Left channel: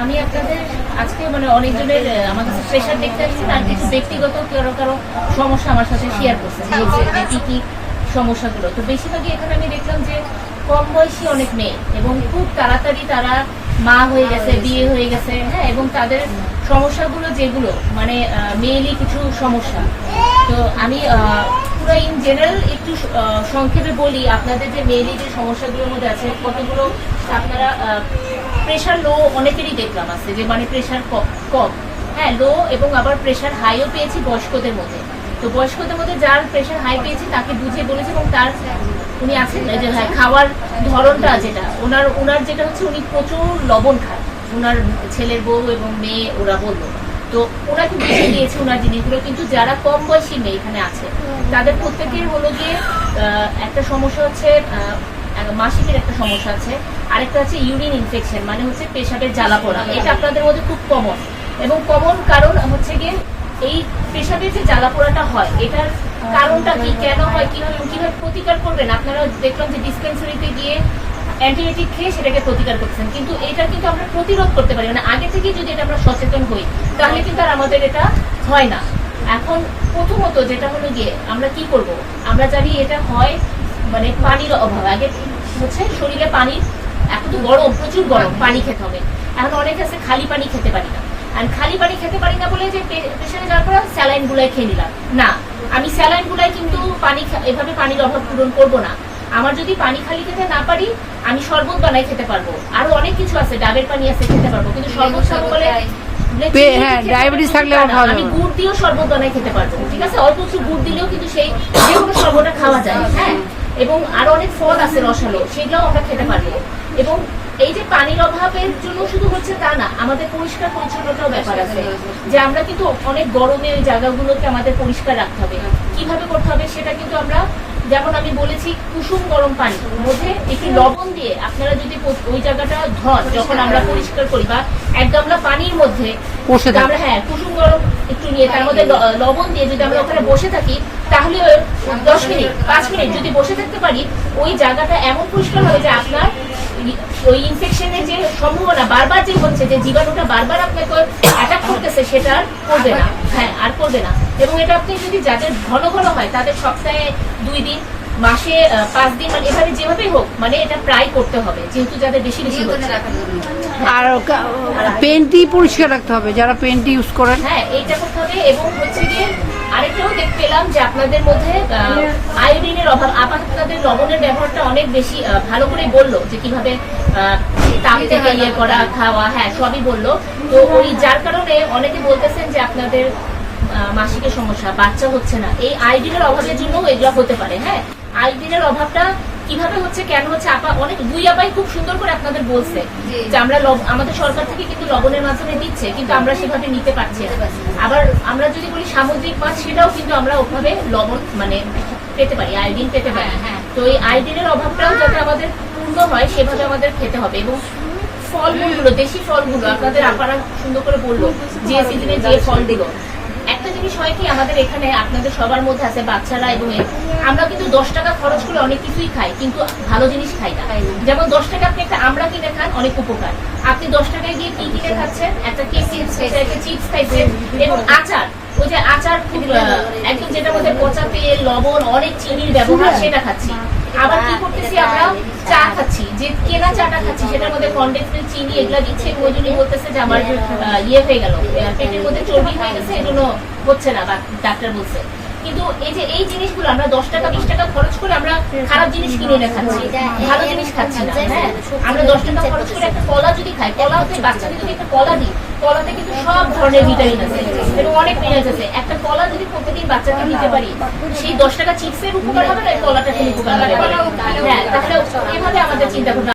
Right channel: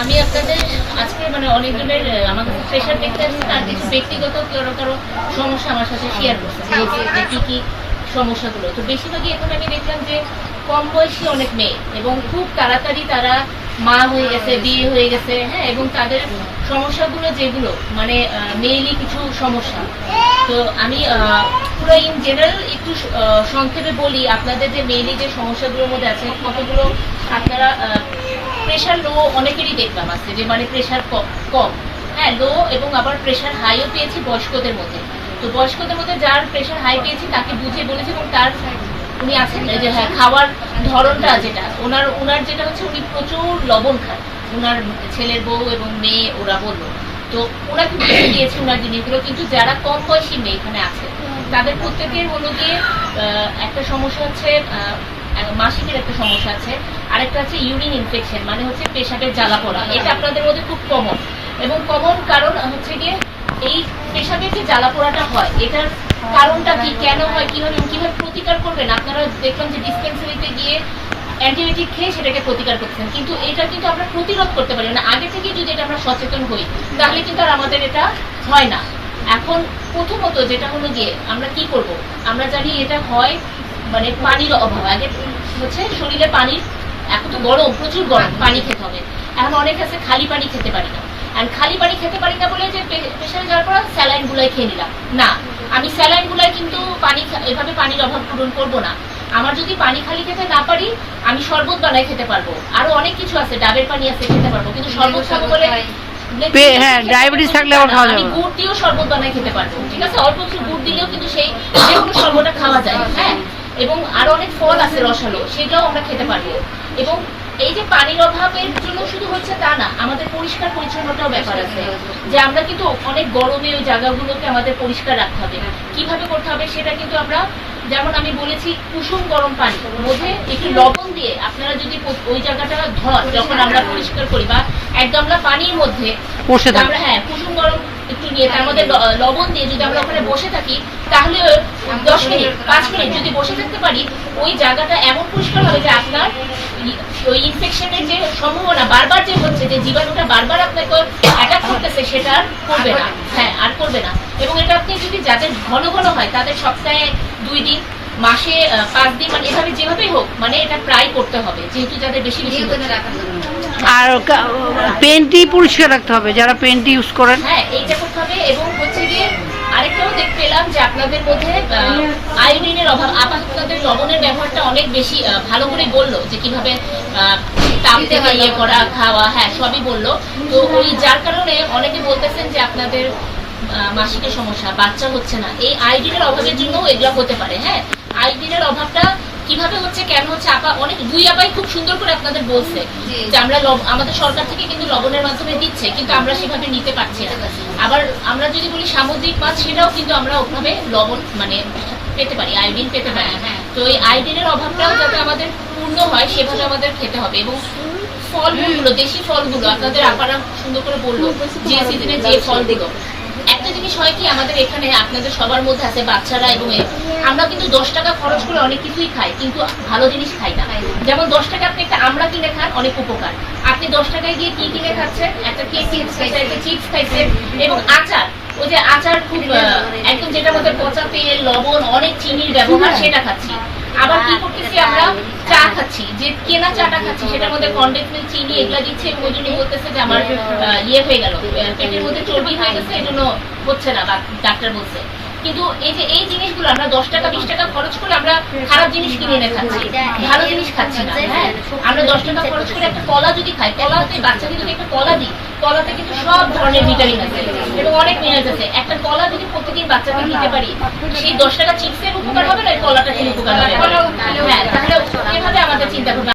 আমি আপনাদের আজকে মানে অনেকজনের আমার কাছে প্রেশার দেখতে আসছেন আর কিছু ব্যক্তিগত কারও কারও সমস্যা আমার সাথে শেয়ার করছে, যে কি কি সমস্যাগুলো। তো বেশিরভাগই এখানে আমি দেখলাম যে কম বয়সী অনেক মেয়ে এবং খুব তাড়াতাড়ি তারা মা হয়ে গেছে, বিয়ে হয়ে গেছে হ্যাঁ এবং তাদের সমস্যাগুলো যেগুলো মানে মেয়েলি কিছু সমস্যা। তো আমি পুরো ইন জেনারেল একটু সংক্ষেপে বলি, আপনাদের যে মেয়েলি যে সমস্যাগুলোর মধ্যে আছে, কতগুলো আপনারা প্রেশার লো অনেকেরই দেখলাম আছে যে মানে প্রেশার কম। হ্যাঁ লো এবং আবার প্রেশার হাইও পেয়েছি বয়স্কদের মধ্যে। তো বয়স্কদের মধ্যে যার প্রেশার হাই পেয়েছি তাকে বুঝিয়ে বলেছি এবং তার উনি আছেন যে হ্যাঁ খাওয়ার ধরনটা যেটা, ওনার ওনার যেটা হচ্ছে উনি প্রচুর লবণ খান। ওনার ছেলের বউ এবং মেয়ে ওরা বলল। তো ওনাকে বুঝে দিয়েছে ওনার জিনিসগুলো, কিন্তু যারা কম বয়সী মেয়ে এখানে আছে, তাদের প্রত্যেকের হলো গিয়ে একটা সমস্যা হচ্ছে মাসিকের একটা সমস্যা আছে। আরেকটা আছে ইউরিন ইনফেকশন মানে হচ্ছে পেশাবের জ্বালা পোড়া। এটা আপনাদের মধ্যে খুব কমন এবং কমন কারণ হচ্ছে গিয়ে এই পেশাবের যে জ্বালা পোড়াটা হয়, এটার কারণটা কি, কেন হয়, কীভাবে কীভাবে প্রতিকার করবেন? আপনারা দেখলাম যে ডিসপেন্সারিতে গিয়ে অ্যান্টিবায়োটিক খেয়ে সেটাকে প্রতিকার করছেন। কিন্তু এটা কিন্তু আমরা প্রতিরোধ করতে পারি না। আগে থেকে যদি এটা আমরা সচেতন হই, তাহলে কিন্তু আর আমাদের এটা হয় না। এখন প্রথমত যেটা হলো গিয়ে আমরা কি করব? আমরা জানি এটা হয় মানে পানির অভাব। আগে হচ্ছে শরীরে পানির এখন তো গরম প্রচুর গরম পানি খেতে হবে। এখন অনেক আছে খালি পানি খেতে পারি না। আর খালি পানি খেতে পারি না বলে যে প্রেশারে যাওয়ার পর স্যালাইন গুলাই খেয়ে নিলাম। না আমি স্যালাইন গুলাই কিন্তু পানি এভাবে পানির অভাব পূরণ করব না। আমার যদি পানি খালি খেতে না পারি আমি শরবত বানাই খেতে পারব। আরও অনেক কিছু আছে ডাবের পানি আছে খেতে পারব। কিন্তু শরবত খাব বলে হ্যাঁ, diabetes থাকলে আবার খাওয়া যাবে। গুড় দিয়েও শরবত বানাই খেতে পারব ঠিক আছে? অল্প একটু গুড় দিলেও কিন্তু সেই যে কোনো শরবতটা খাওয়া যায় হ্যাঁ? এবং আরও অনেক ফল আছে রসালো সেগুলোও আমরা খেতে পারব এবং এই যে পানির অভাবের জন্য শুধু হচ্ছে তা না আমাদের পরিষ্কার পরিচ্ছন্নতাও ব্যাপার আছে। যে আমরা কিন্তু অনেক গরমে ওই জায়গাগুলোকে আমাদের পরিষ্কার রাখতে হবে। কীভাবে করতে হবে সেটা কিন্তু আমরা যেমন আমি বলেছি কুসুম গরম পানি। মধ্যে একটু লবণ দিয়ে আপনারা যদি ওই জায়গাটা ধর যখন আমরা পরিষ্কার করি বা এক গামলা পানির মধ্যে আমরা হ্যাঁ কুসুম গরম একটু নিয়ে তার মধ্যে লবণ দিয়ে যদি আমরা ওখানে বসে থাকি তাহলে দশ মিনিট পাঁচ মিনিট যদি বসে থাকতে পারি ওই জায়গাটা এমন পরিষ্কার হবে যে আপনার ওই ইনফেকশনের যে সম্ভাবনা বারবার যে হচ্ছে যে জীবাণুটা বারবার আপনাকে অ্যাটাক করতেছে সেটা আর করবে না। হ্যাঁ আর করবে না। এবং এটা আপনি যদি যাদের ঘন ঘন হয় তাদের সপ্তাহে দুই দিন মাসে পাঁচ দিন মানে এভাবে যেভাবেই হোক মানে এটা প্রায় করতে হবে যেহেতু যাদের বেশি বেশি আর পেনটি পরিষ্কার রাখতে হবে যারা পেনটি ইউজ করেন। হ্যাঁ এইটা করতে হবে এবং হচ্ছে গিয়ে আরেকটাও দেখতে পেলাম যে আপনাদের মধ্যে আয়োডিনের অভাব আপাতত আপনাদের লবণের ব্যবহারটা অনেক বেশি ভালো করে বলল যে কীভাবে তাপ থেকে ইয়ে করা খাওয়া হ্যাঁ সবই বলল। তো ওই যার কারণে অনেকে বলতেছেন যে আপনাদের মাসিকের সমস্যা বাচ্চা হচ্ছে না। এই আয়োডিনের অভাবের জন্য এগুলো হতে পারে হ্যাঁ। আয়োডিনের অভাবটা কীভাবে হচ্ছে কেন হচ্ছে আপা অনেক দুই আপাই খুব সুন্দর করে আপনাদের বলছে যে আমরা আমাদের সরকার থেকে কিন্তু লবণের মাধ্যমে দিচ্ছে কিন্তু আমরা সেভাবে নিতে পারছি না। আবার আমরা যদি বলি সামুদ্রিক মাছ সেটাও কিন্তু আমরা ওভাবে লবণ মানে পেতে পারি আয়োডিন পেতে পারি। তো এই আয়োডিনের অভাবটাও যাতে আমাদের পূর্ণ হয় সেভাবে আমাদের খেতে হবে। এবং ফলগুলো দেশি ফলগুলো আপনাদের আপারা সুন্দর করে বলল যে সিজনে যে ফলগুলো। জিনিস হয় কি আমাদের এখানে আপনাদের সবার মধ্যে আছে বাচ্চারা এবং আমরা কিন্তু দশ টাকা খরচ করে অনেক কিছুই খাই কিন্তু ভালো জিনিস খাই না। যেমন দশ টাকা আপনি একটা আমরা কিনে খান অনেক উপকার। আপনি দশ টাকায় গিয়ে কি কিনে খাচ্ছেন? একটা কেক চিপস খাইছেন। একটা চিপস খাইছেন এবং আচার। ওই যে আচার খুব একদম যেটা মধ্যে পচা তেল লবণ অনেক চিনির ব্যবহার সেটা খাচ্ছি। আবার কি করতেছি আমরা? চা খাচ্ছি। যে কেনা চাটা খাচ্ছি, সেটার মধ্যে কন্ডেন্স মিল্ক চিনি, এগুলা দিচ্ছে ওই বলতেছে যে আমার ইয়ে হয়ে গেল। পেটের মধ্যে চর্বি হয়ে গেছে, এই জন্য হচ্ছে না ডাক্তার বলছে। কিন্তু এই যে এই জিনিসগুলো, আমরা দশ টাকা, বিশ টাকা খরচ করে আমরা খারাপ জিনিস কিনে এনে খাচ্ছি। ভালো জিনিস খাচ্ছি না হ্যাঁ? আমরা দশ টাকা খরচ করে একটা কলা যদি খাই, কলাতে বাচ্চাকে যদি একটা কলা দিই কলাতে কিন্তু সব ধরনের ভিটামিন আছে, এবং অনেক মিনারেলস আছে একটা কলা যদি প্রতিদিন বাচ্চাকে দিতে পারি, সেই দশ টাকা চিপসের উপকার হবে না কলাটা খেলে উপকার হবে হ্যাঁ তাহলে এভাবে আমাদের চিন্তা করতে হবে।